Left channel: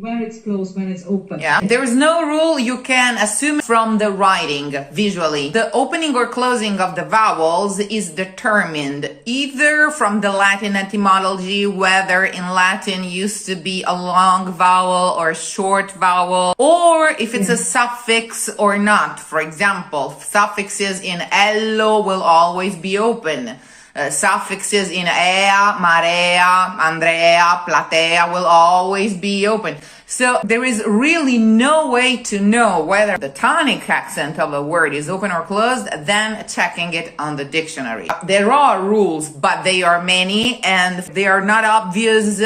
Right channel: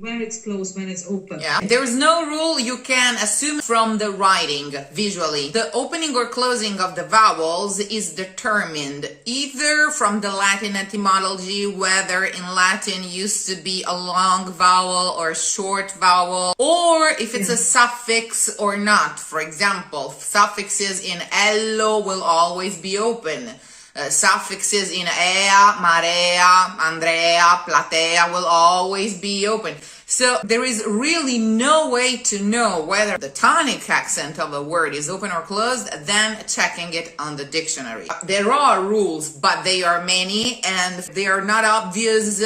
when it's closed, when it's open. Yeah, there is no rule. You can assume from the writing visually. The opening or closing of the vowels is determined either from the Latin etymology, whether in Latin used to be a long vowel or a short vowel, or if it's a suffix or not. For example, suffixes in ello will always be open. Suffixes in ea, marea, andrea, platea will always be open. So there is really no way to know whether the tonic accent of a word is open or closed than checking it on the dictionary. There are rules, but they are many and they are not obvious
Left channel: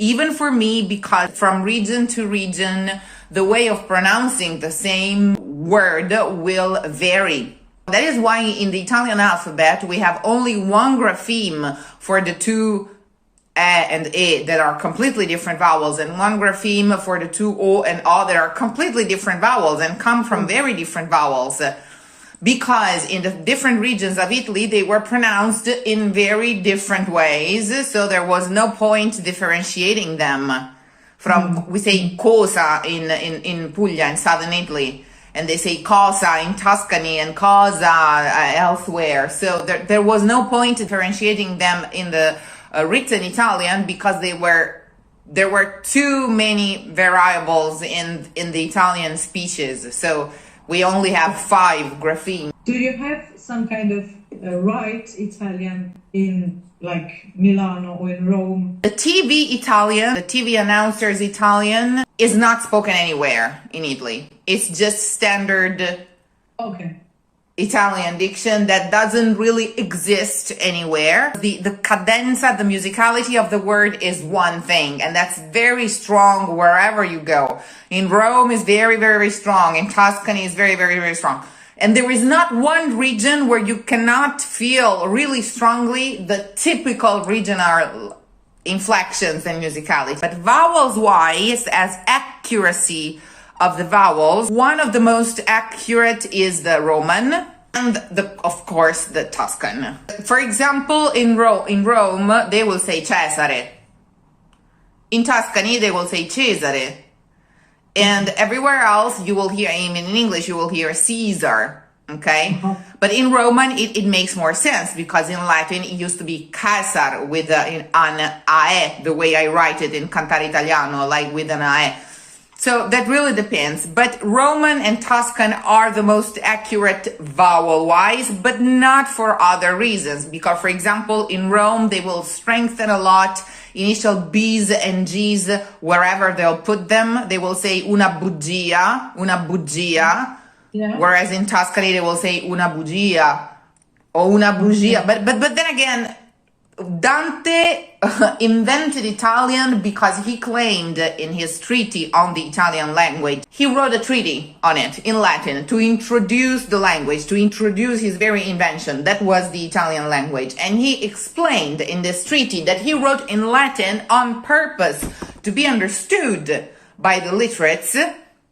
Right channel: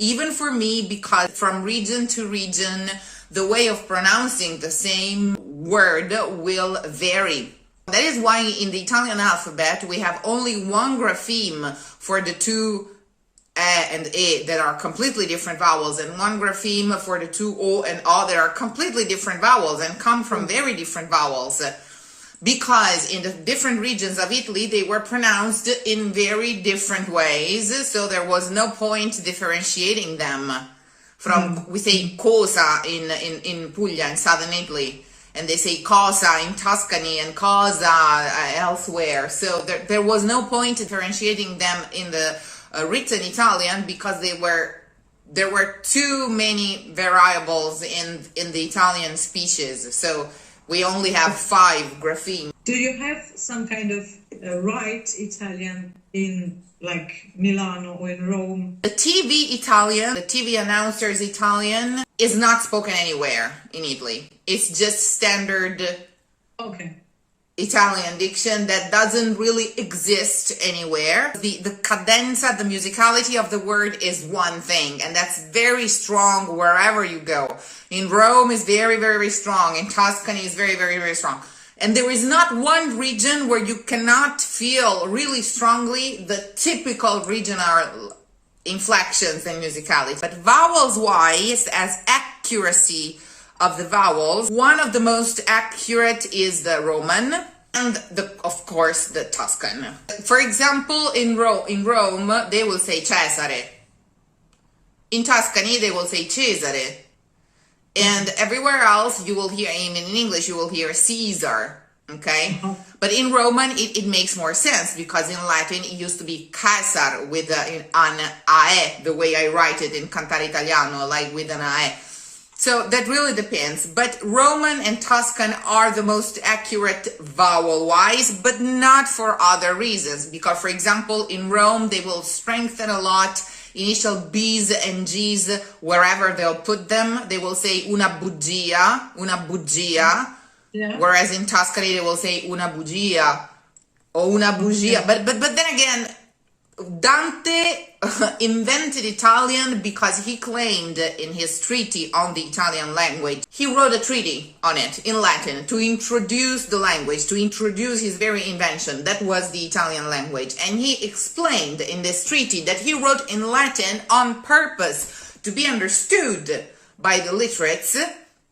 even for me, because from region to region, the way of pronouncing the same word will vary. That is why in the Italian alphabet, we have only one grapheme for the two and e that are completely different vowels, and one grapheme for the two o and a that are completely different vowels and come from very different vowels. Because in the different regions of Italy, they were pronounced in very different ways, so there was no point differentiating them. From, we say cosa in Puglia, in southern Italy, and they say cosa in Tuscany and cosa elsewhere. So there was no point differentiating them in the written Italian, because there were too many variables in the Italian speeches. So we only have 5 graphemes. Do you have some kind of right Italian in like Milano or in Rome? The TV Italian, the TV announcers Italian, is not spoken anywhere in Italy. It's just standard Italian diction that doesn't really exist anywhere. The cadenza, the musicality of the word is one thing, and that's very strong wherever you go. In Rome is very, very strong. In Tuscany is very, very, very strong. And there is not one region where you cannot feel really strongly the typical regional inflections and musicality. But vowels-wise, as accuracy of the vowels, one of the most accurate is the Roman and, of course, the Tuscan. For example, in Rome, they will say Cesare. In Tuscany, they will say Cesare. And everywhere else, you will hear, in English, you will hear Caesar, okay? But in Roman, it makes more sense, because in Latin, it used to be Caesar with an AE, the way I write it in Cantare Italiano, like with an AE. So that really depends. But Roman and Tuscan are the most accurate vowel-wise, but not for other reasons. Because, for example, in Rome, they will strengthen a lot initial B's and G's wherever they'll put them. They will say una bugia. Yeah. Whereas in Tuscany, they will say una bugia or una bugia. But then again, Dante invented Italian because he claimed in his treatise on the Italian language, he wrote a treatise on it in Latin to introduce the language, to introduce his very invention. That was the Italian language. And he explained in this treatise that he wrote in Latin on purpose to be understood by the literates,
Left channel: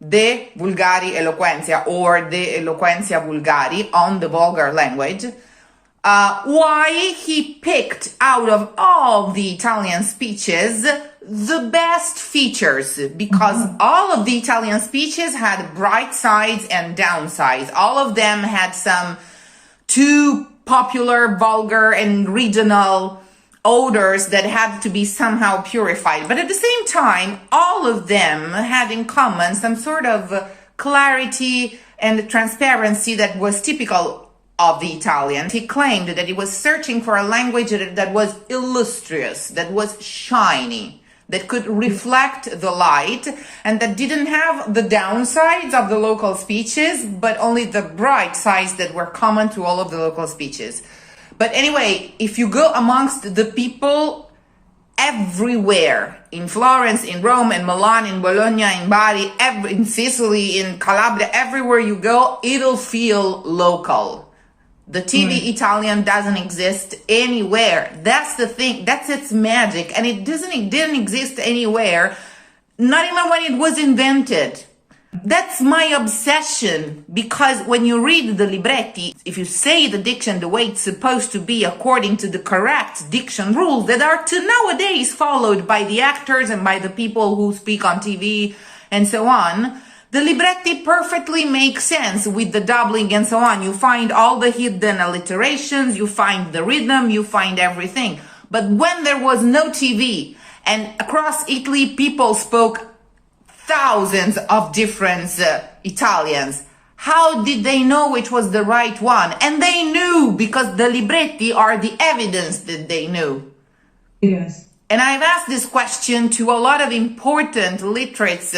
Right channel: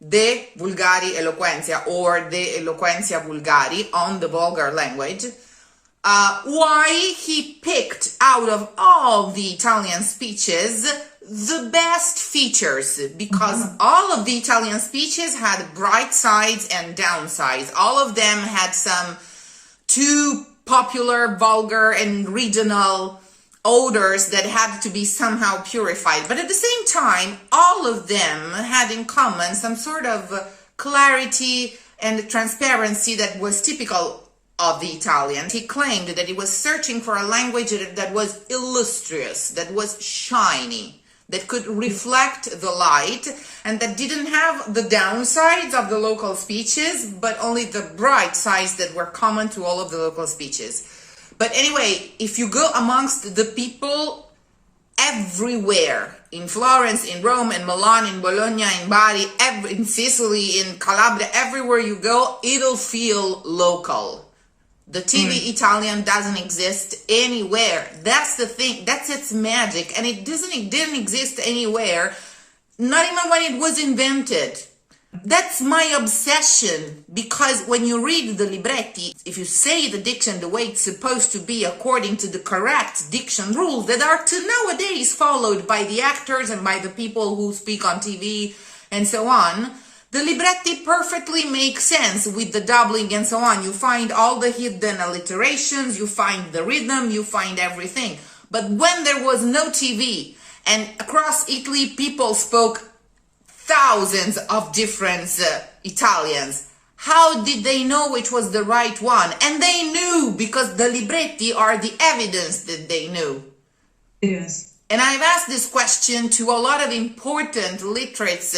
the Vulgari Eloquentia or the Eloquentia Vulgari on the vulgar language. Why he picked out of all the Italian speeches the best features, because all of the Italian speeches had bright sides and downsides. All of them had some too popular, vulgar, and regional odors that had to be somehow purified. But at the same time, all of them had in common some sort of clarity and transparency that was typical of the Italian. He claimed that he was searching for a language that was illustrious, that was shiny, that could reflect the light, and that didn't have the downsides of the local speeches, but only the bright sides that were common to all of the local speeches. But anyway, if you go amongst the people everywhere, in Florence, in Rome, in Milan, in Bologna, in Bari, in Sicily, in Calabria, everywhere you go, it'll feel local. The TV Italian doesn't exist anywhere. That's the thing. That's its magic. And it didn't exist anywhere, not even when it was invented. That's my obsession, because when you read the libretti, if you say the diction the way it's supposed to be according to the correct diction rules that are to nowadays followed by the actors and by the people who speak on TV and so on, the libretti perfectly make sense with the doubling and so on. You find all the hidden alliterations, you find the rhythm, you find everything. But when there was no TV and across Italy people spoke thousands of different Italians, how did they know which was the right one? And they knew, because the libretti are the evidence that they knew. Yes. And I've asked this question to a lot of important literates,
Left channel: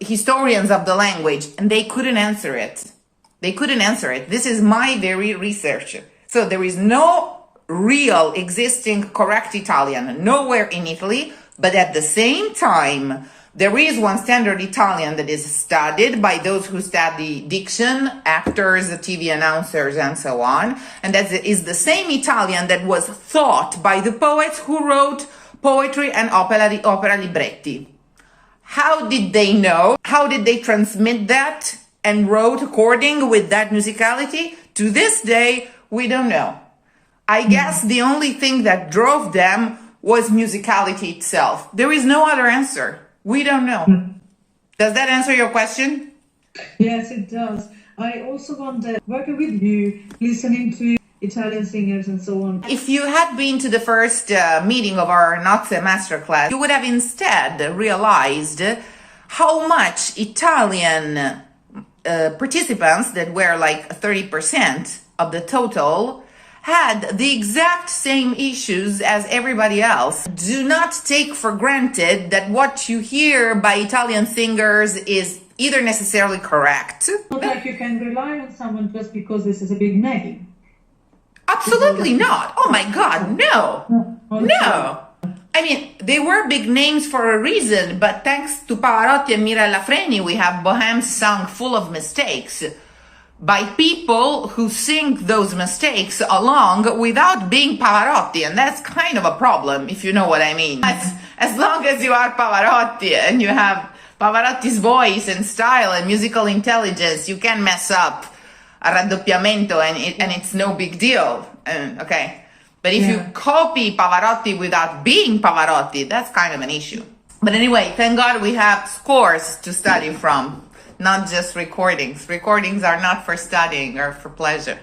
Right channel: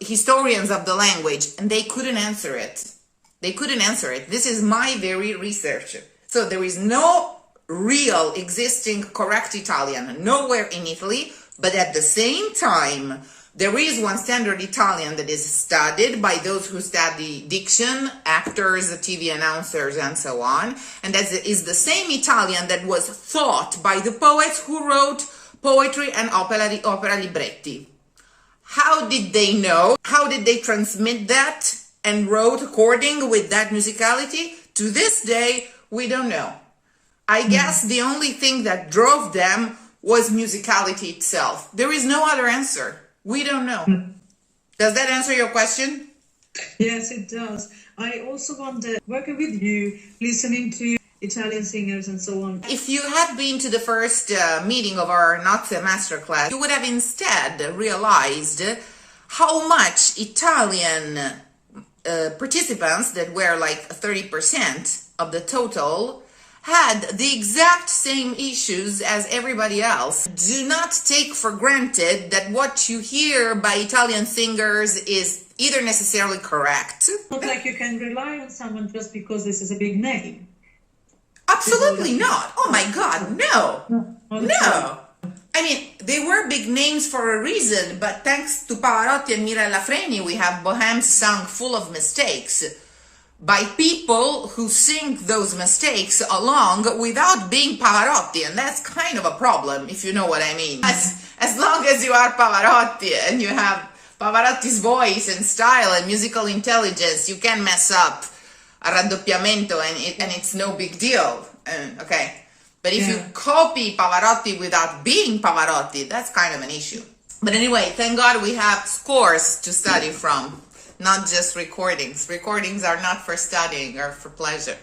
historians of the language, and they couldn't answer it. They couldn't answer it. This is my very research. So there is no real existing correct Italian nowhere in Italy, but at the same time, there is one standard Italian that is studied by those who study diction, actors, TV announcers, and so on. And that is the same Italian that was thought by the poets who wrote poetry and opera libretti. How did they know? How did they transmit that and wrote according with that musicality? To this day, we don't know. I guess the only thing that drove them was musicality itself. There is no other answer. We don't know. Does that answer your question? Yes, it does. I also wonder, working with you, listening to Italian singers and so on. If you had been to the first meeting of our Nozze Masterclass, you would have instead realized how much Italian participants, that were like 30% of the total, had the exact same issues as everybody else. Do not take for granted that what you hear by Italian singers is either necessarily correct. Not like you can rely on someone just because this is a big name. Absolutely not. Oh my God, no. No. I mean, they were big names for a reason, but thanks to Pavarotti and Mirella Freni, we have Bohème's song full of mistakes by people who sing those mistakes along without being Pavarotti, and that's kind of a problem, if you know what I mean. As long as you are Pavarotti and you have Pavarotti's voice and style and musical intelligence, you can mess up a raddoppiamento and it's no big deal. Okay, but if you copy Pavarotti without being Pavarotti, that's kind of an issue. But anyway, thank God we have scores to study from. Not just recordings. Recordings are not for studying or for pleasure.